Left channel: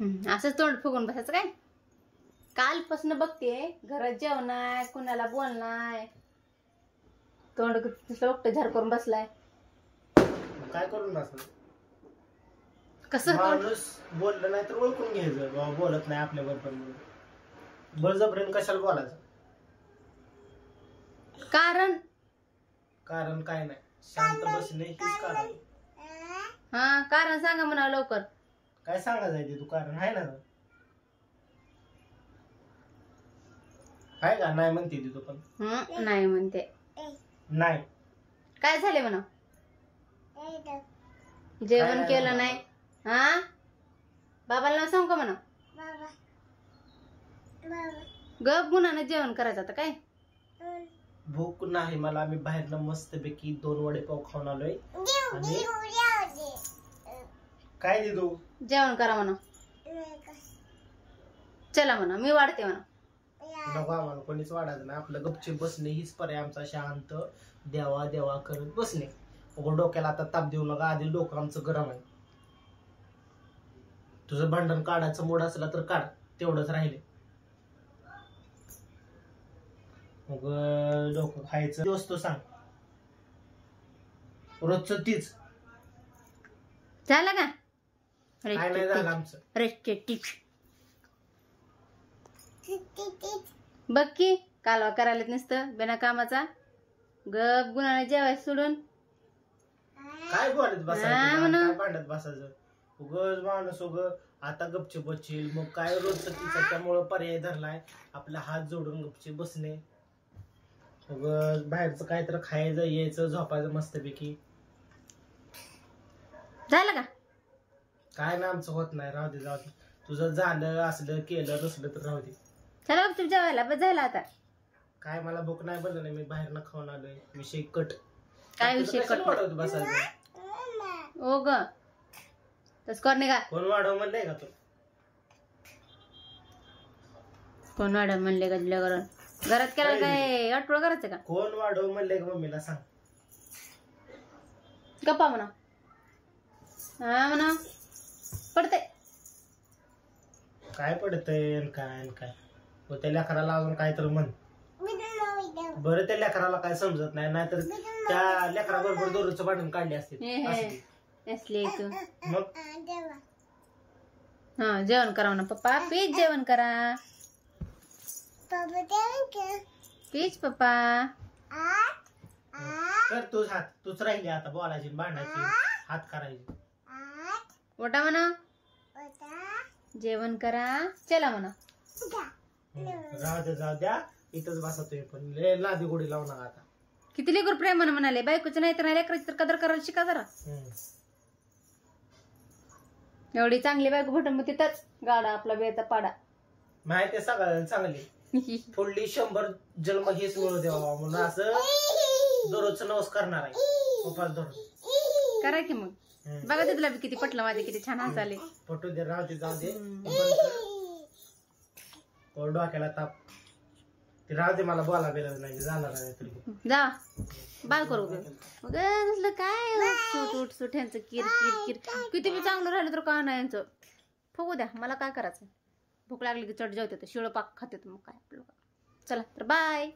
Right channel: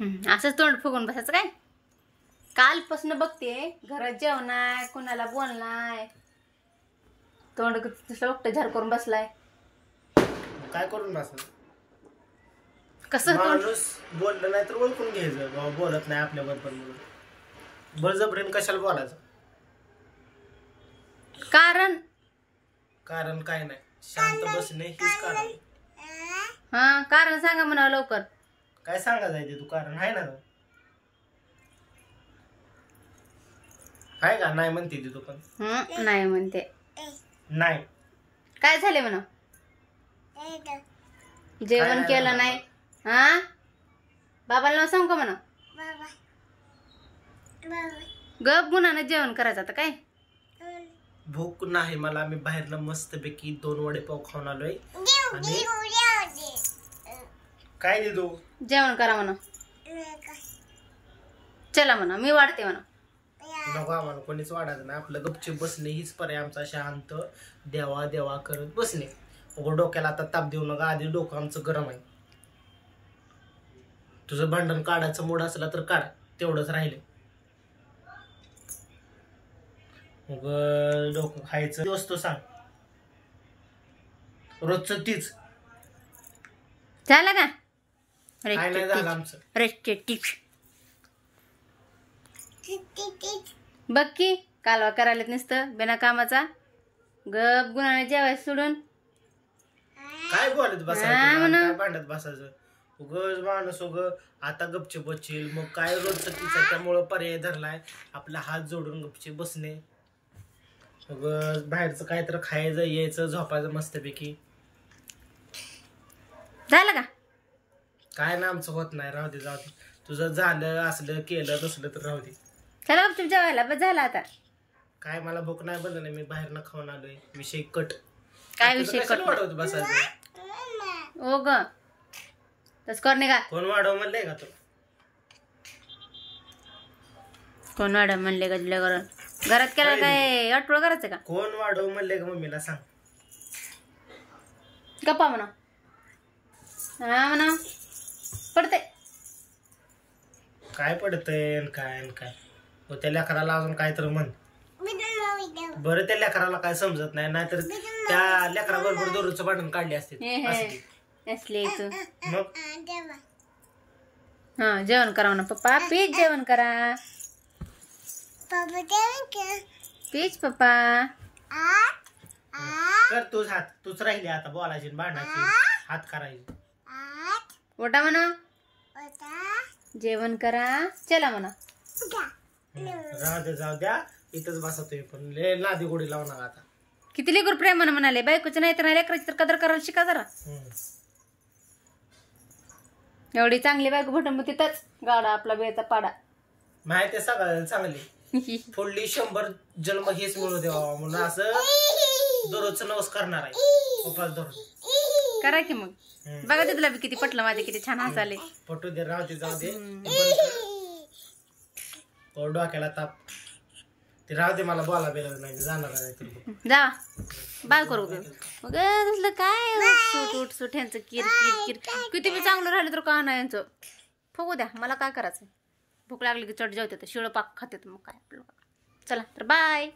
असंच तोंड फुगून बसायचं काय? कालपासून बघते घरात जेवणाय, कुणाला बोलणाय, तोंड तसं एकटं झार करून बसलाय. काय करून बसायचं? कसं माणूस बोललं नाही तर ओळखून घ्यायचं बाबा बोलत नाही आपल्याबरोबर म्हणून. बळजबरीने कशाला बोलायचं? कारण काय नाही, शांत बसणे हेच कारण. कारण सांगा म्हणा लवकर. काय सांगायचं आहे ते? तू कारण आहे ना? आहे का? नाही म्हणते ती तू पण. नाही म्हणते. नाही काय झाले म्हणा? जेवण केलं नाही. बाबाला नाव सांग का म्हणा? गप गुणानं जेवण करायचं आता काय? भूक नाही मला. मी बाहेरनं मस्तपैकी 2 वडेपाव खाऊन आलोय. आणि काय देतो? जेवण करा म्हणा. चला म्हणा, मी वाढते म्हणा. नको आम्हाला कोणीच वाढायचं नाही. आपलं गपचूप बसणे हीच पर्याय आमचा. शांत देवा देवा करत बसणे. डोक्याला आता ताप देऊ नका. आधी डोकं आमचं गरम आहे. तुझं भांडण काढायचं मूड असला तर काढ, तेवढंच राहिले. मग डोकं खायचं दिवस तो सांग. रोजचं तीच झालं का? काय नाही झालं आमचं. बघ की कालवा करायला नुसतं बिना कामाचा. गप गुणाने जेवायचं सोडून काय बोलत बसायचं? काय भांडत बसायचं? उगच माणूस आता गपचूप बसशील. मग काय रोजचं तीच आहे, त्यामुळं पर्याय धरलाय आपला हात जोडून गपचूप बसणे. उगच बाहेरचं काय तर खायचं, यायचं, झोपायचं मस्तपैकी. झालं का? काय ना आमचं होत नाही. राहू दे जाऊ दे. तुझं झालं असलं केलं तसलं तर राहू दे. चला गपचूप जेवायला. बस झालं आता. काय मला भूक नाही बनलं नाही. मी बाहेरनं खाऊन आलोय. विषय कट. काय विषय कट? वाढवत बसायचं. ओ ग तस करणे का? कोण वाढव म्हणलंय का तुला? कोण वाढव म्हणले का तुला? घरात केला काय अटवळ करायचं का? कोण वाढव म्हणले का मम्मीला सांग. गप्पा म्हणा. म्हणा पडते. काय पडतंय काय काय? त्या लेकराला अजून काय तर म्हण. बरं त्या लेकराला काय समजत नाही. नाहीतर त्या लेकराबरोबर दररोजचं भांडण काढले असते. मग जेवण करा ना पप्पा. प्लीज जेवण करा. प्लीज पप्पा. कर तूच हात. तूच राहिली आता बोलायची भांडायची. हात करायची. ओटा म्हणा. जेवण करा. चला म्हणा. राहू दे जाऊ द्या. इथंच बसा तुम्ही पण. लय लादी गोडी लावू नका आता. किती लेकर प्रेमानं म्हणाले. बायकोचं नाही तर लेकराची तर कदर करायला शिका जरा. एवढी चांगली बायको भेटून मग तिथंच गाडा आपला बेचा पाडा. माहिती आहे सगळ्याला चांगली. पुढली 100 जन्म हेच मिळू द्यावा म्हणून असं दररोजचं नवस करणार आहे. उपास दररोज करा की. मग बघा ते तुला किती पटलं. माझे किती छान हसाले. पटू दे. राहू दे जाऊ दे. डोक्याला ताप. ते राहू दे. मला बोला बेला नाही जाणार नाही. जा बाय करू मग तसलं काय उठ सुट ह्यांचं किर किर किर. किती बी चांगलं राहिलं तर का नाही यांचं. फुगू द्या. मला काय करायचं? भूक लागली की चढ जेवते. शिळ पाक खाते. मग काय आपलं. चला तर बाय.